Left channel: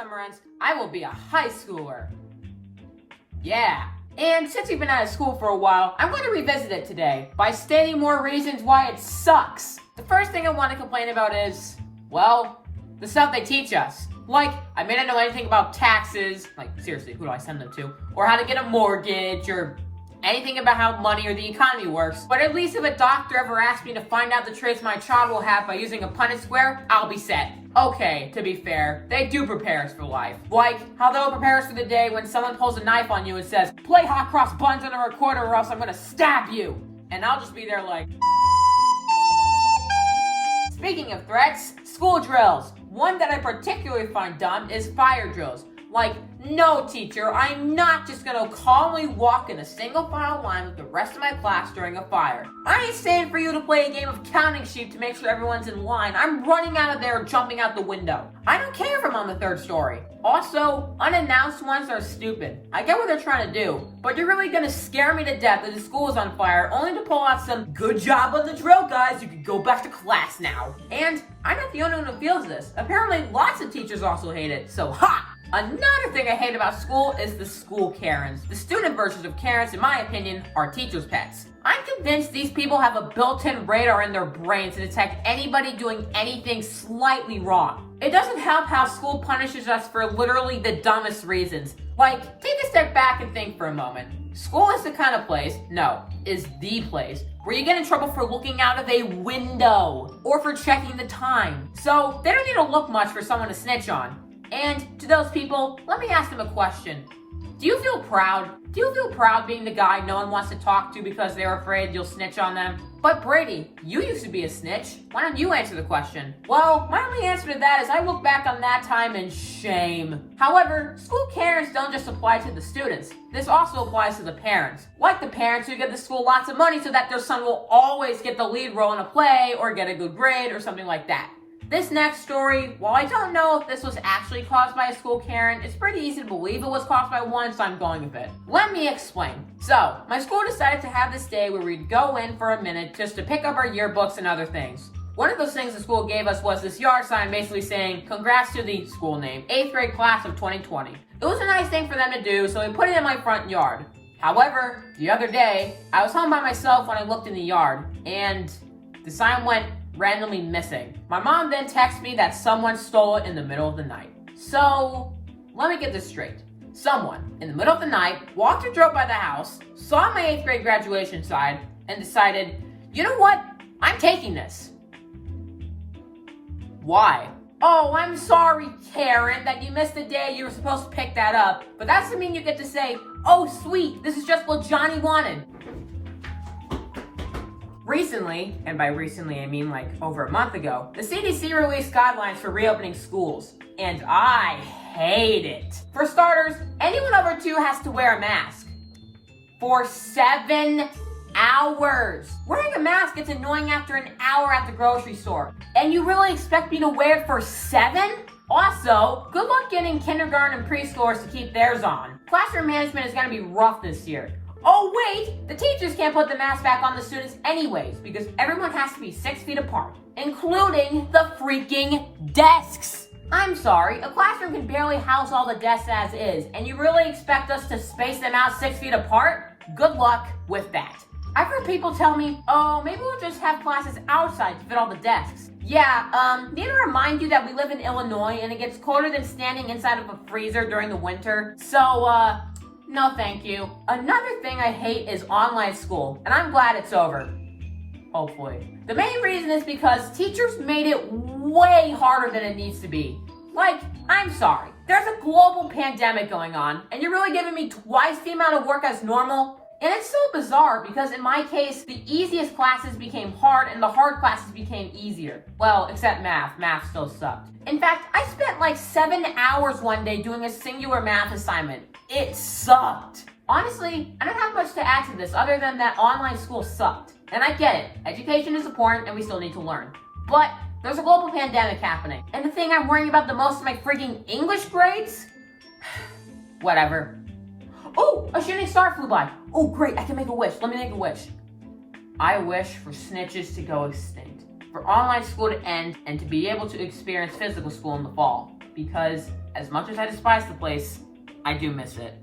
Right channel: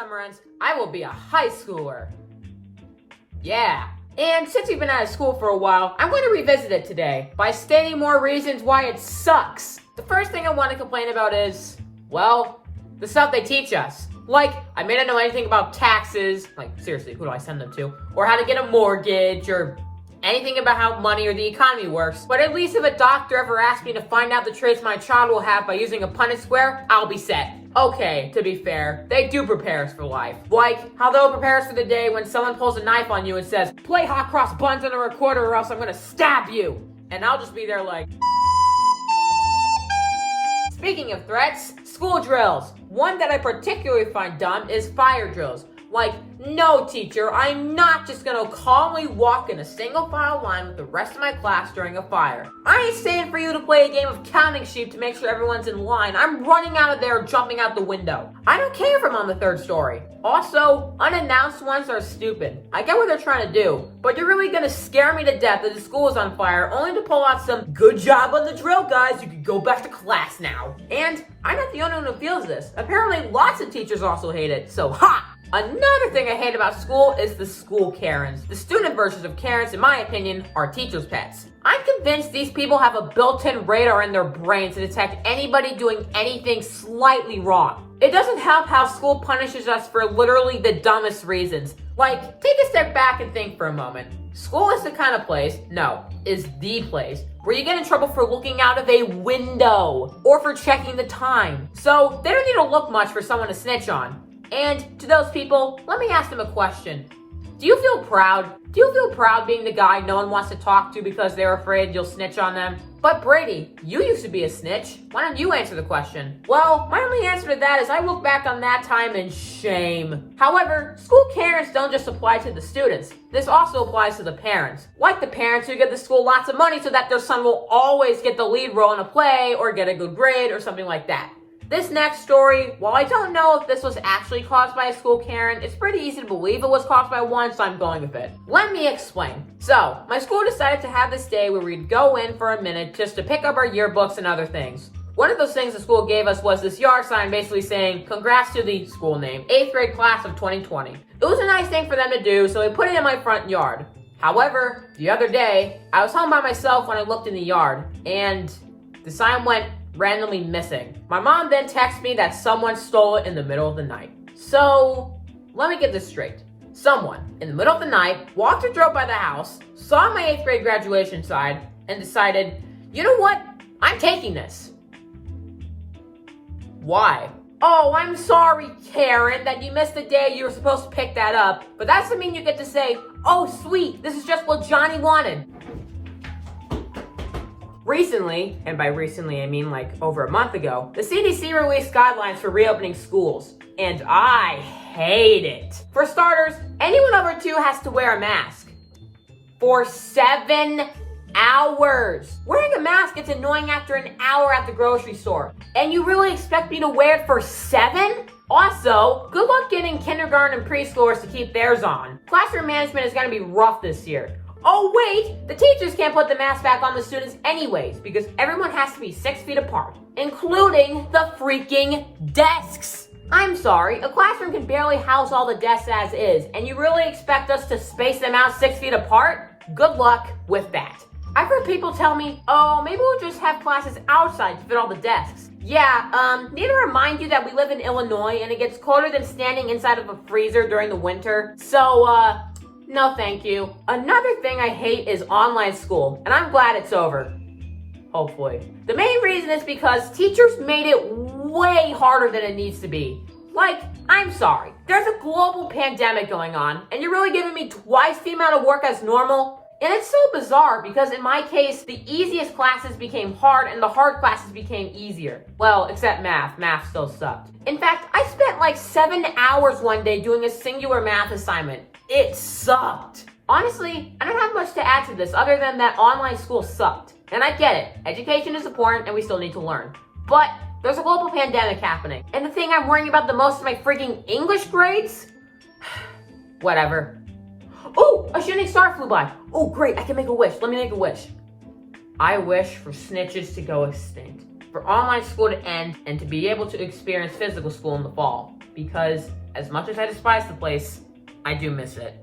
summer ends, I will be a high schooler. Yeah. And since we've been out of school for a while, I'm going to revisit it today by stating more reasons why it sucks. The first thing I want to complain about is, well, the stuff they teach us. Like, I may not know anything about taxes, like seriously, who do I send them to? Or how to get a mortgage, or anything about how money or the economy works. But at least if a doctor ever asks me to find out the traits my child will have by using a Punnett square, I'll be set. Okay, to be fair, they do prepare us for life. Like, how they'll prepare us for the day when someone pulls a knife on you and says, play hot cross buns on a recorder or else I'm gonna stab you. And I'll just be there like... Speaking of threats, school drills. One that I particularly find dumb is fire drills. Like, no teacher, I'm not just gonna calmly walk in a single file line with the rest of my class during a fire. I ain't staying for you to play a game of counting sheep to make sure everyone's in line. I'm running out of there or jumping out the window. I don't care if I'm on the 3rd story. Also, unannounced ones are stupid. I get what they're trying to do, but you're really gonna scare me to death that the school is on fire only to pull out some good job on the drill, guys. You can go back to class now. And I'm not the only one who feels this. Apparently, lots of teachers also hate it, so ha! Another thing I hate about school is the school Karens. The student versions of Karens, in my opinion, are teachers' pets. I'm convinced these people have a built-in radar in their brain to detect anybody doing anything slightly wrong. It doesn't help how school punishes us for literally the dumbest reasons. Like, take a step back and think for a moment. School is the kind of place, no, is the place, where you get in trouble for looking out of a window or for checking the time. So they don't need to look much for someone to snitch on. And to those people, let me ask them a question. Do you feel proud? Do you feel proud being the guy no one wants to talk to because they're afraid you'll snitch on them? But Brady, you used to be a snitch. Why don't you answer the question? Well, my only answer to that is I look back on that time in shame. However, school Karens don't just apply to the students. This also applies to the parents. Like the parents who give the school lots of money so that their son will always get the lead role in a play or get a good grade or something like that. This next story, while I don't know if this was actually caused by a school Karen, it's pretty easy to believe it was caused by one, so I'm going with it. Let me explain. So, my school decided to have this day where we'd go in for a minute just to pick up our yearbooks and other things. One of those things the school gave us was this yard sign basically saying, congrats to the school name, 8th grade class of 2020. It was a nice thing for them to do, so we put it in my front yard. However, the other day, I was home by myself when I looked in the yard, and the sign went randomly missing. My mom then texted me that someone stole it in the middle of the night. So, let me get this straight. Someone, in the middle of the night, walked or drove by the house, saw my 8th grade graduation sign, and decided, you know what? I'm taking this. Why? Oh, I'm sorry, Karen, that you missed the day you were supposed to pick that up, but that doesn't mean you get to say, oh, sweet, this is just what Johnny wanted. Recently, and by recently I mean like over a month ago, the CDC released guidelines for reopening schools, and I hate it. For starters, anyone over 2 has to wear a mask for 7 hours. Wearing a mask gets annoying after an hour at the grocery store, and you really expect me to wear it for 7? Also, good luck getting kindergarten and preschoolers to keep theirs on. Classroom management is going to be rough this year. Oh wait, the teachers can't put the mask back on the students anyways because everyone has to be 6 feet apart, including the freaking desks. I'm sorry, a classroom can barely house all the desks as is, and you really expect us to space them out 6 feet apart? Good luck with that. I've heard people tell me, oh, maybe we'll just have classes outside to fit all the desks. Yeah, need to remind you that we live in Illinois and it gets colder than standing inside of a freezer during the winter. So, no thank you. Another thing I hate is online school, and I'm glad it's over. Hopefully. The main reason is because teachers made it way harder than it needs to be. Like, I'm sorry, there's a global pandemic going on, and you're really giving me twice the amount of work as normal? And it's so bizarre because in my case, the easiest classes became hard and the hard classes became easier. Well, except math. Math still sucked. In fact, I spent like 7 hours one day doing a singular math assignment. It sucked. Honestly, I don't have much to add to this other than that online school sucked. And I get it. Education is important and we still need to learn. But there's a global pandemic happening. And the thing I'm worrying about the most is my freaking English grades? Whatever. Oh, a shooting star flew by. Oh, great, I can make a wish. Let me make a wish. I wish for snitches to go extinct. for online school to end and to be able to experience physical school in the fall. Because as much as I despise the place, I do miss it.